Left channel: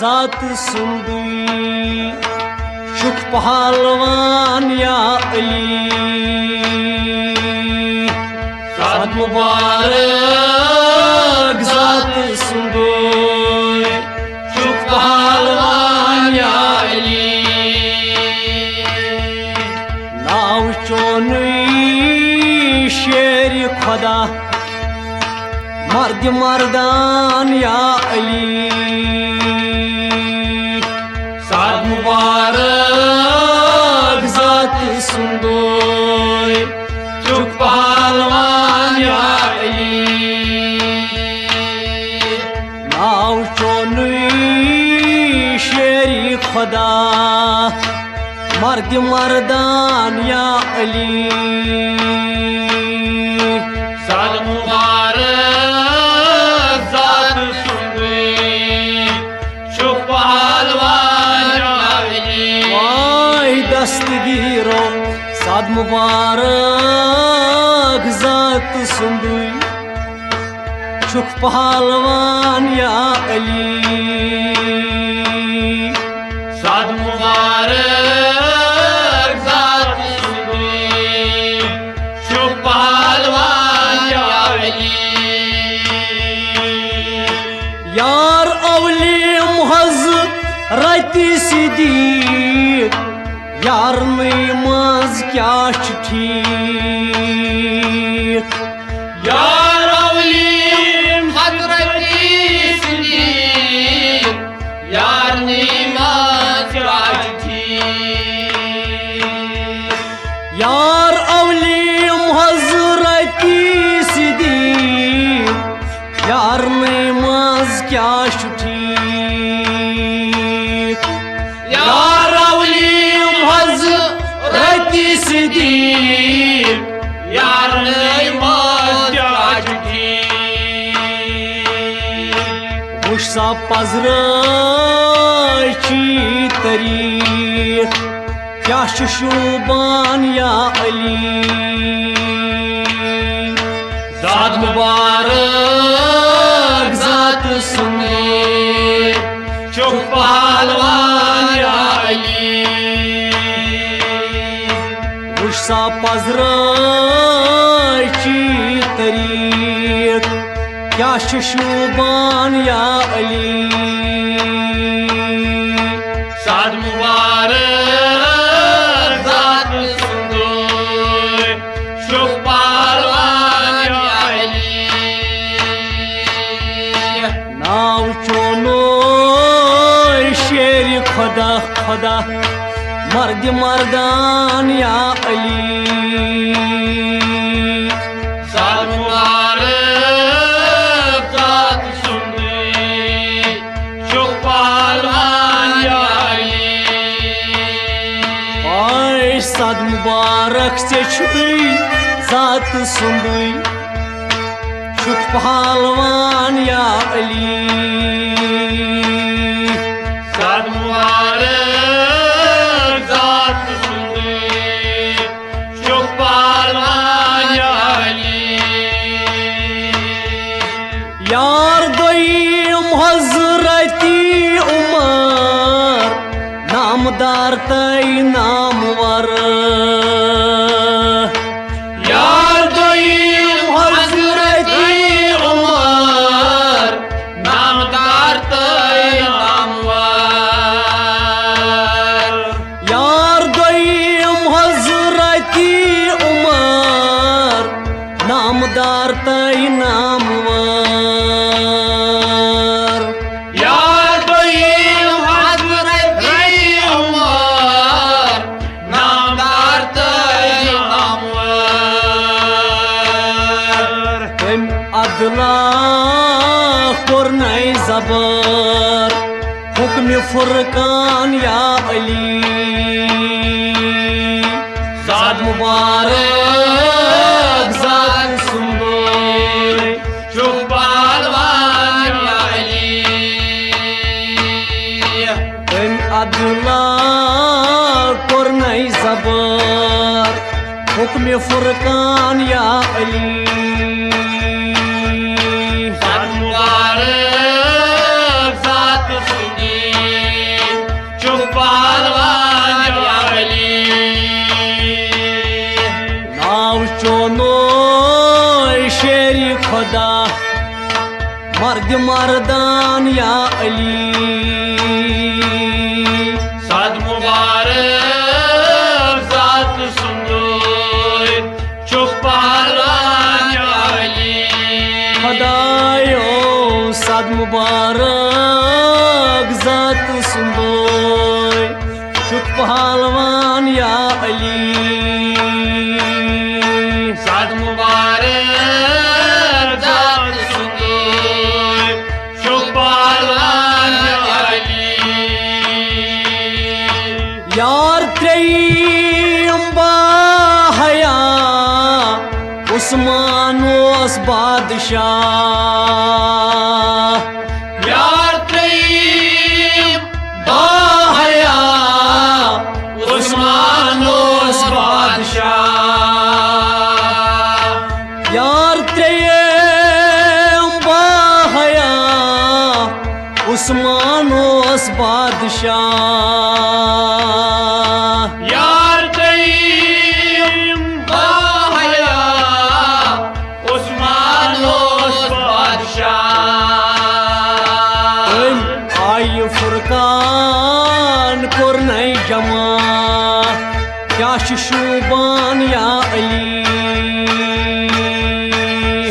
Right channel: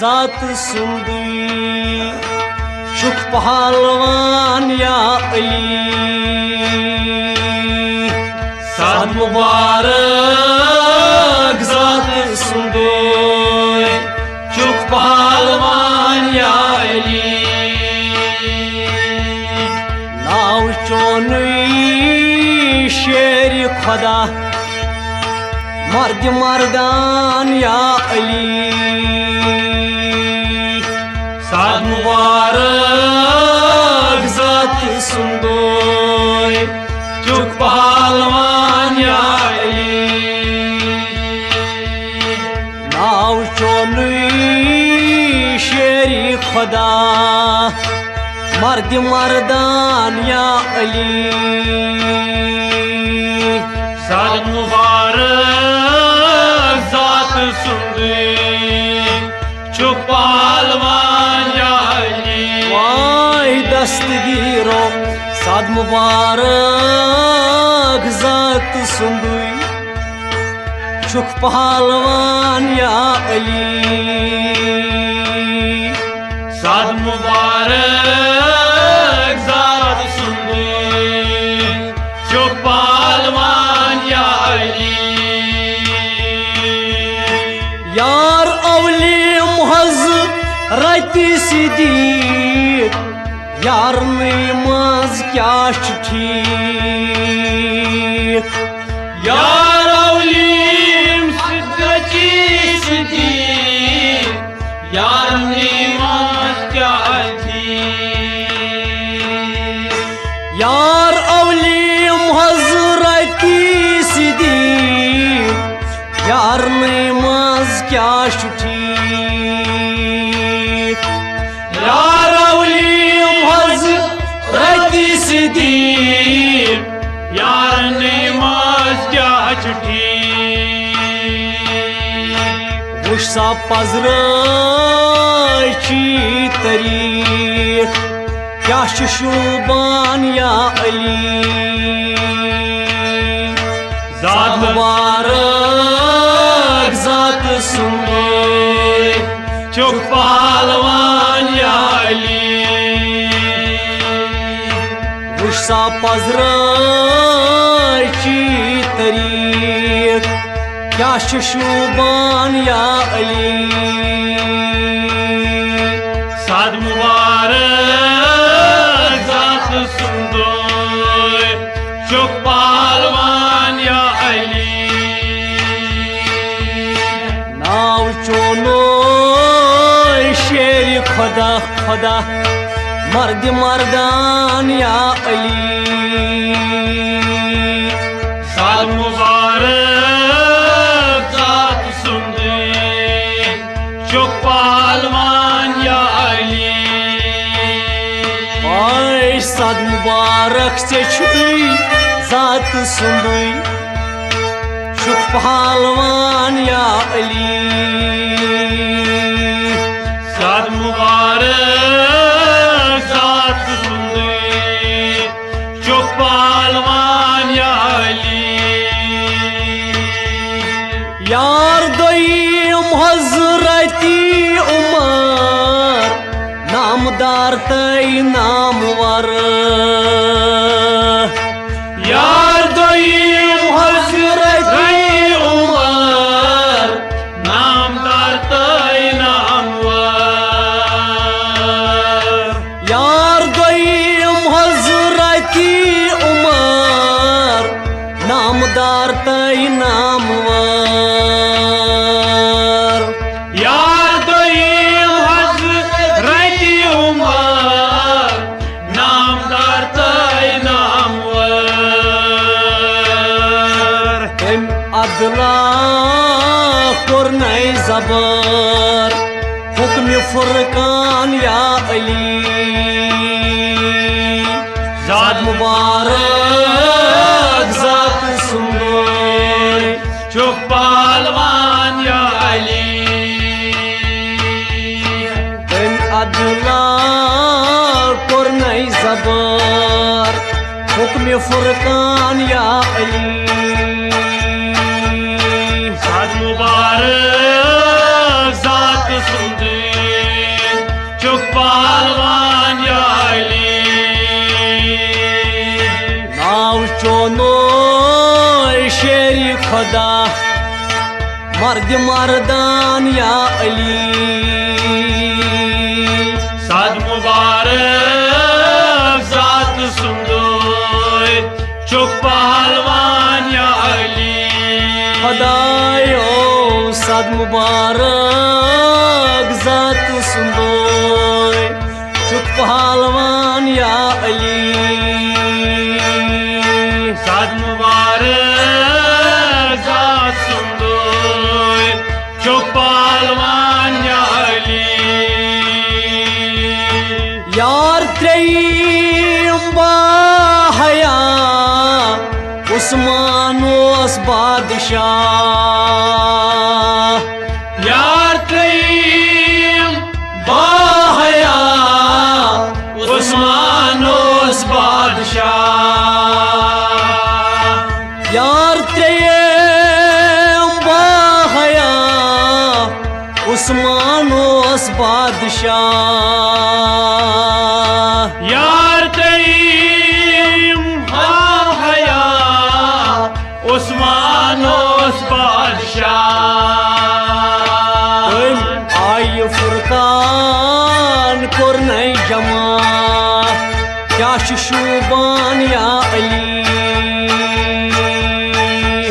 जात सुंदुई शुक पहलवान या अली साद मुबारक जात सुंदुई शुक पहलवान या अली नाव चोनुई शेर खुदा मर्द मर्दान या अली साद मुबारक जात सुंदोय चुक पहलवान या अली नाव चोनुई शेरी खुदा मर्द मर्दान या अली साद मुबारक जात सुंदोय चुक पहलवान या अली वाई दस्तगीरो साद मुबारक जात सुंदुई शुक पहलवान या अली साद मुबारक जात सुंदोय चुक पहलवान या अली यार अवली मुहज रति सिद्दीक यार नमाज क्या ठीक यार अवलीम हजरती सिद्दीक यार नमाज क्या ठीक यार अवली मुहज रति सिद्दीक यार नमाज क्या ठीक यार अवलीम हजरती सिद्दीक यार नमाज क्या ठीक उषा पजरची तारीख क्या शोबान या अली जात मुबारक जात सुंदोय चुक पहलवान या अली उषा पजरची तारीख क्या शोबान या अली साद मुबारक जात सुंदोय चुक पहलवान या अली नाव चोनो शेर खुदा खुदा मर्द मर्दान या अली साद मुबारक जात सुंदोय चुक पहलवान या अली आय साद मुबारक से छुई जात सुंदुई शुक पहलवान या अली साद मुबारक जात सुंदोय चुक पहलवान या अली यार दोयम हजरती उमर नामदार तय नामवर यार दोयम हजरती उमर नामदार तय नामवर यार दोयम हजरती उमर नामदार तय नामवर यार दोयम हजरती उमर नामदार तय नामवर तम अदला कोरनई जबर हुक्म फुरकान या अली जात मुबारक जात सुंदोय चुक पहलवान या अली तम अदला कोरनई जबर हुक्म फुरकान या अली साद मुबारक जात सुंदोय खुदा मर्द मर्दान या अली साद मुबारक जात सुंदर चुक पहलवान या अली खुदायो साद मुबारक जात सुंदर चुक पहलवान या अली साद मुबारक जात सुंदर चुक पहलवान या अली यार त्रेयम बाहया उस्मान ओस बादशाह यार त्रेयम बाहया उस्मान ओस बादशाह यार त्रेयम बाहया उस्मान ओस बादशाह यार त्रेयम बाहया उस्मान ओस बादशाह आय फुरकान कोरनई जमा क्या शुबान या अली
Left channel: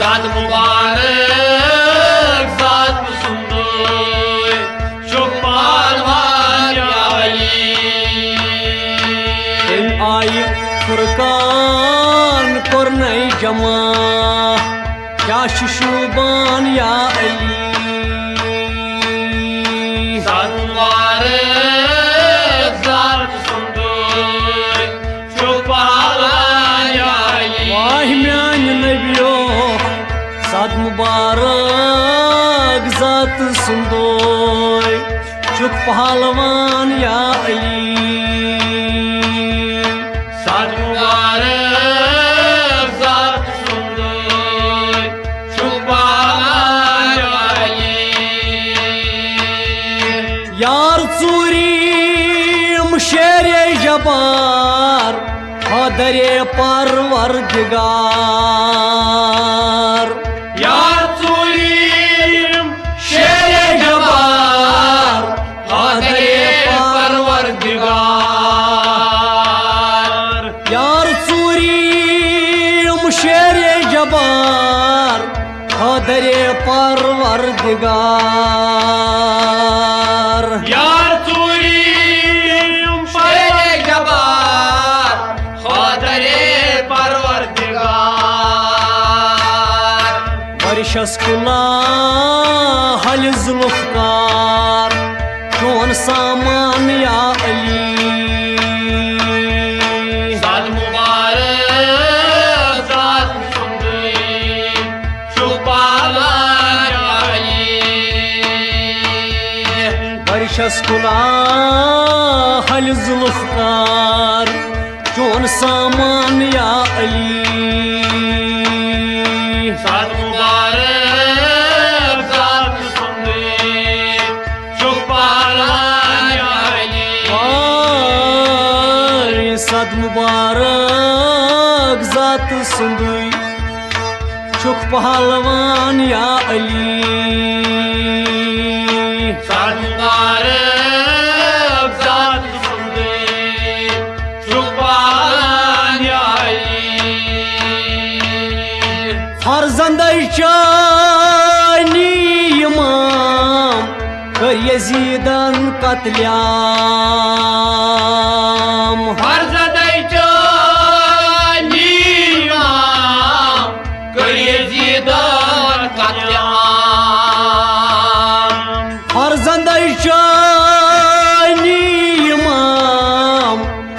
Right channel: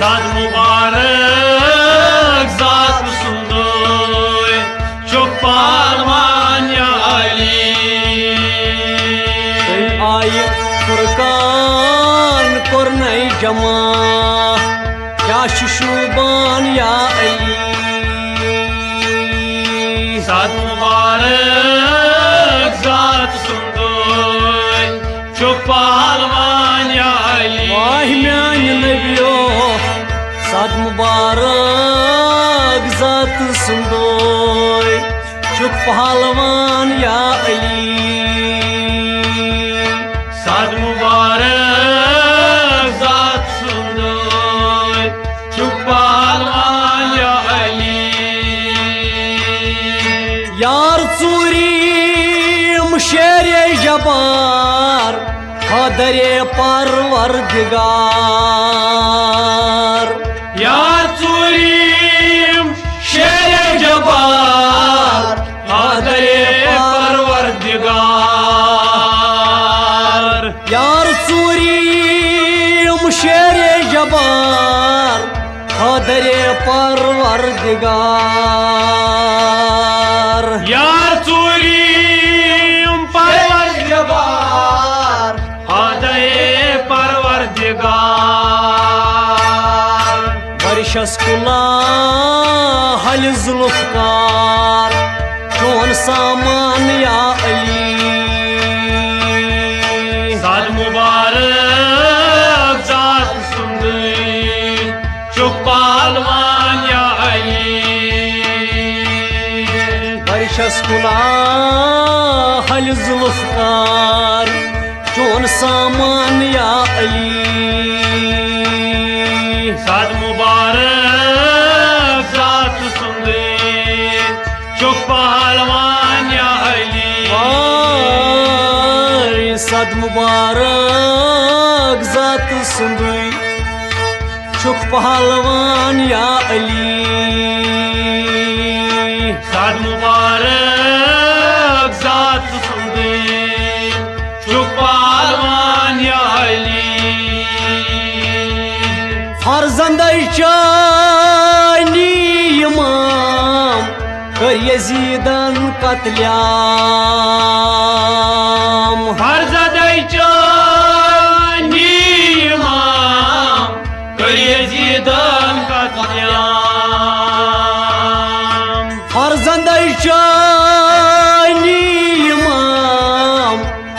साद मुबारक जात सुंदर चुक पहलवान या अली आय फुरकान कोरनई जमा क्या शुबान या अली साद मुबारक जात सुंदर चुक पहलवान या अली वाह म्यान नबियो साद मुबारक जात सुंदर चुक पहलवान या अली साद मुबारक जात सुंदर चुक पहलवान या अली यार चूरी शेरे जबार खदरे परवरदिगार यार चूरीम शेरे जबार आदरे परवरदिगार यार चूरी शेरे जबार खदरे परवरदिगार यार चूरीम शेरे जबार आदरे परवरदिगार वर्षस कुला हल जुल्फकार चोन सामान या अली साद मुबारक जात सुंदर चुक पहलवान या अली वर्षस कुला हल जुल्फकार चोन सामान या अली साद मुबारक जात सुंदर चुक पहलवान या अली वाय साद मुबारक जात सुंदर चुक पहलवान या अली साद मुबारक जात सुंदर चुक पहलवान या अली फर्जंद चानी इमाम कर यजीदन कत्ल्याम फर्जदई चानी इमाम कर यजीदन कत्ल्याम फर्जंद चानी इमाम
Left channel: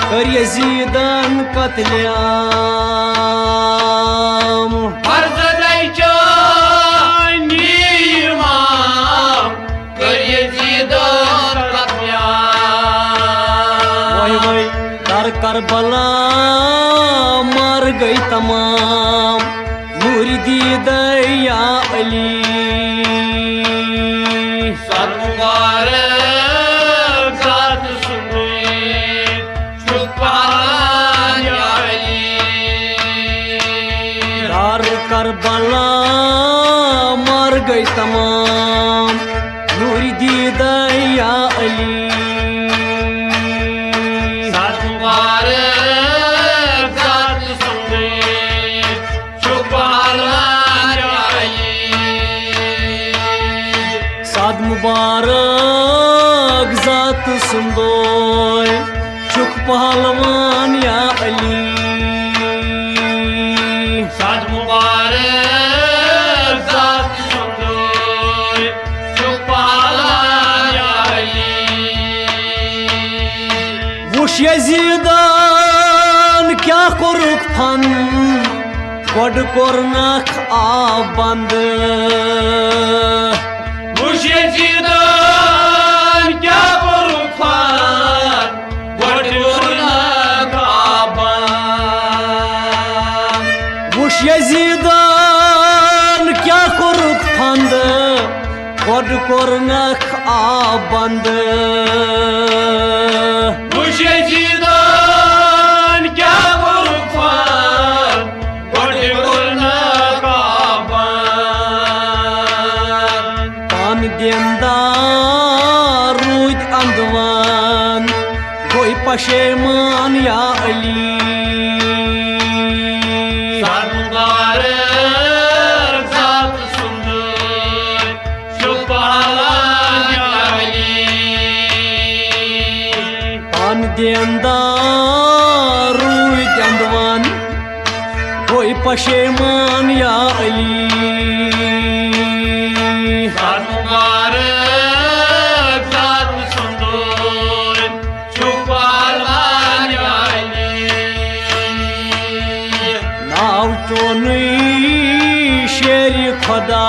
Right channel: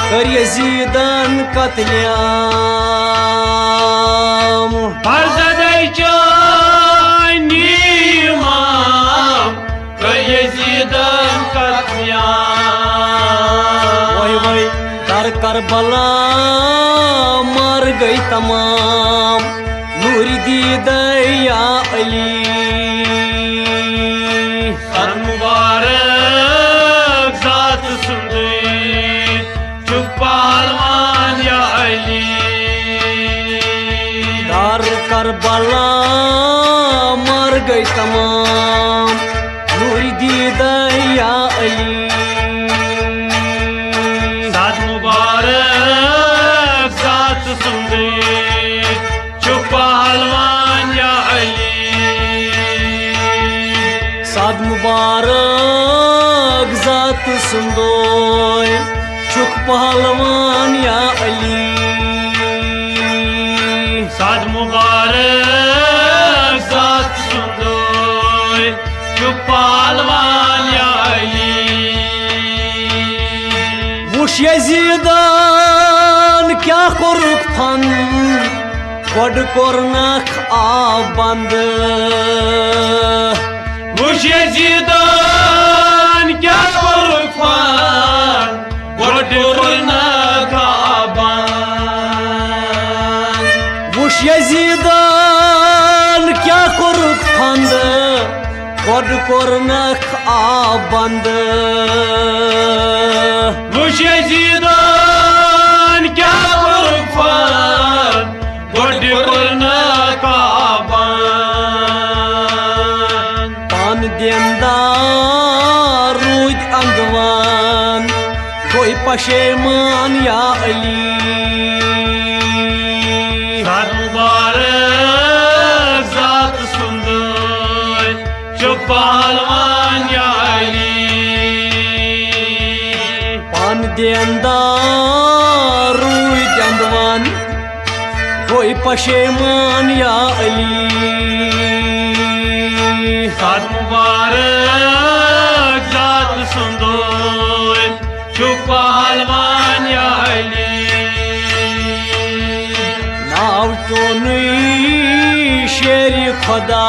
कर यजीदन कत्ल्याम फर्जदई चानी इमाम कर यजीदन कत्ल्याम वही वही दर करबला मार गई तमाम नूरी दीद या अली सर मुबारक जात सुंदर चुक पहलवान या अली दर करबला गई तमाम नूर दीदा या अली साद मुबारक जात सुंदर जो पहलवान या अली साद मुबारक जात सुंदर चुक पहलवान या अली साद मुबारक जात सुंदर जो पहलवान या अली वुश यजीदान क्या कोरुक फन गोड कोरनक आब बंद वुश यजीदान क्या कोरुक फन गोड कोरनक आब बंद वुश यजीदान क्या कोरुक फंद गोड कोरनक आब बंद वुश यजीदान क्या कोरुक फन गोड कोरनक आब बंद पान देंदार रूद अंदवान कोई पशेमान या अली साद मुबारक जात सुंदर जो पहलवान या अली पान देंदार रूद अंदवान कोई पशेमान या अली साद मुबारक जात सुंदर जो पहलवान या अली नाव चोनी शेरी खुदा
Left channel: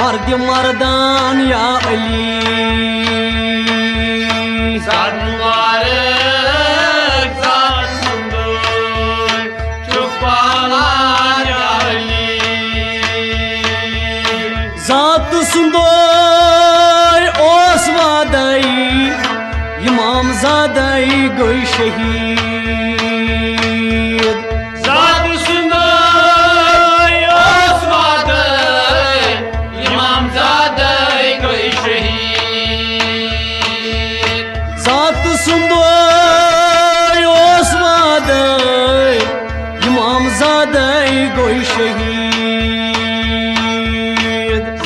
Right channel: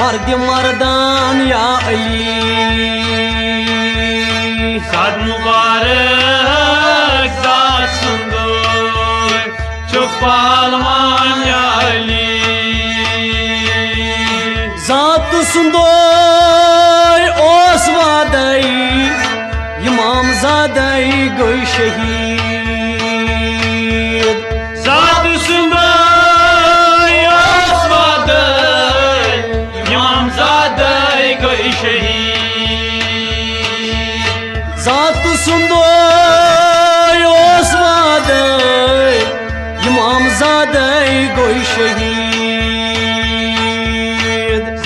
मर्द मर्दान या अली साद मुबारक जात सुंदर जो पहलवान या अली जात सुंदर ओस वादई इमाम जादई गई शहीद जात सुंदर ओस्वादई इमाम ज़ादई गई शहीद जात सुंदर ओस वादई इमाम जादई गई शहीद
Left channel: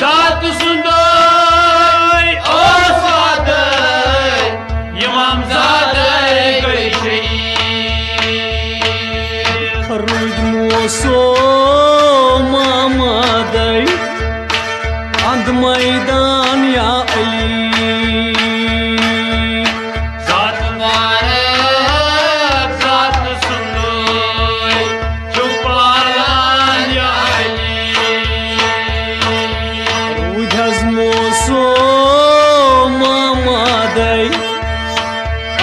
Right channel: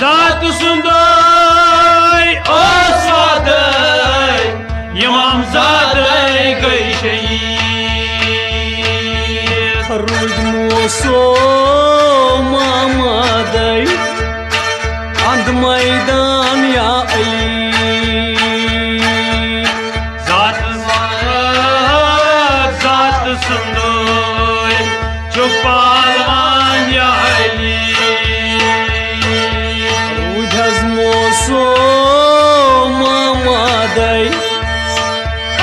जात सुंदर ओस्वादई इमाम ज़ादई गई शहीद खरुज मोसो मामदई अंध मैदान या अली जात मुबारक जात सुंदर जो पहलवान या अली रुझस मोसो मामदई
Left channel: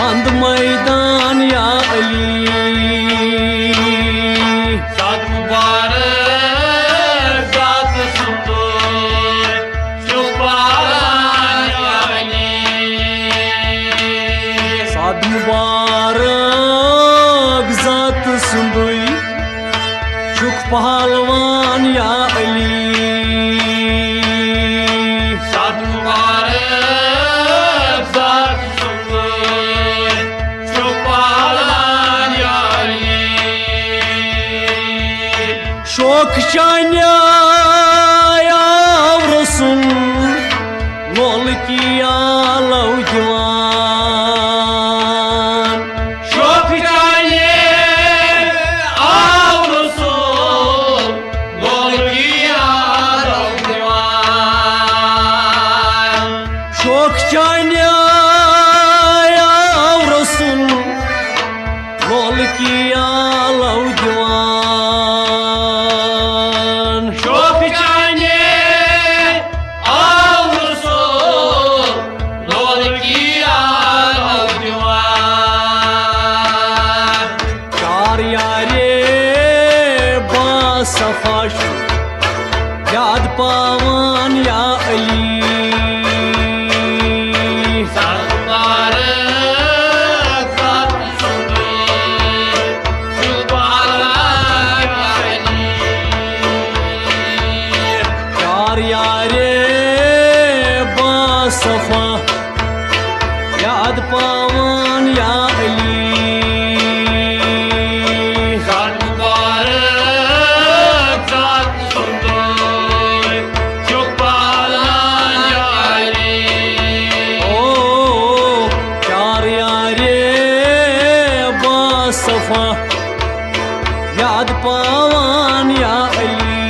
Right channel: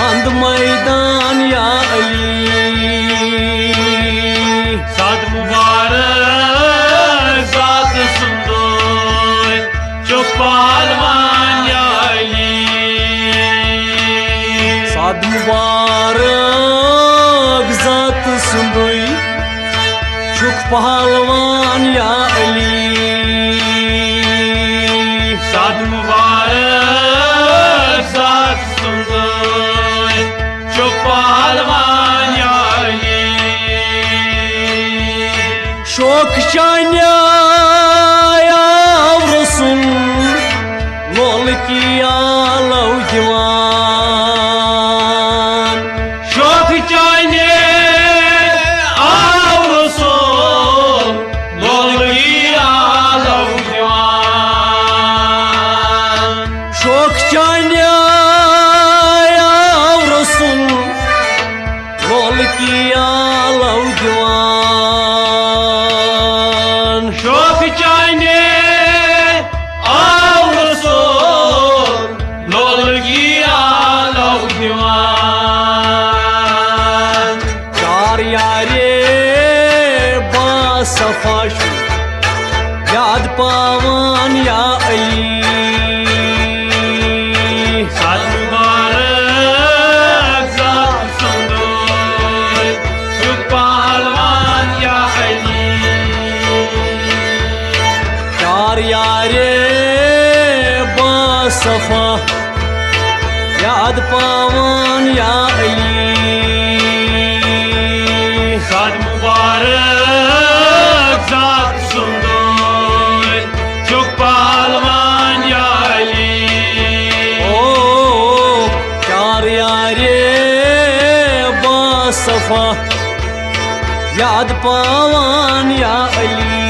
अंध मैदान या अली साद मुबारक जात सुंदर जो पहलवान या अली साद मुबारक जात सुंदई चुक पहलवान या अली साद मुबारक जात सुंदर जो पहलवान या अली शोक चान्या रसुल लोल किया लौ जवान शोक चाहे आओ रसूल लोलिया लौजवान शोक चान्या रसुल लोल किया लौ जवान शोक चाहे आओ रसूल लोलिया लौजवान चार यारे बासफाश याद पावन या अली साद मुबारक जात सुंदर जो पहलवान या अली दफा याद पावान या अली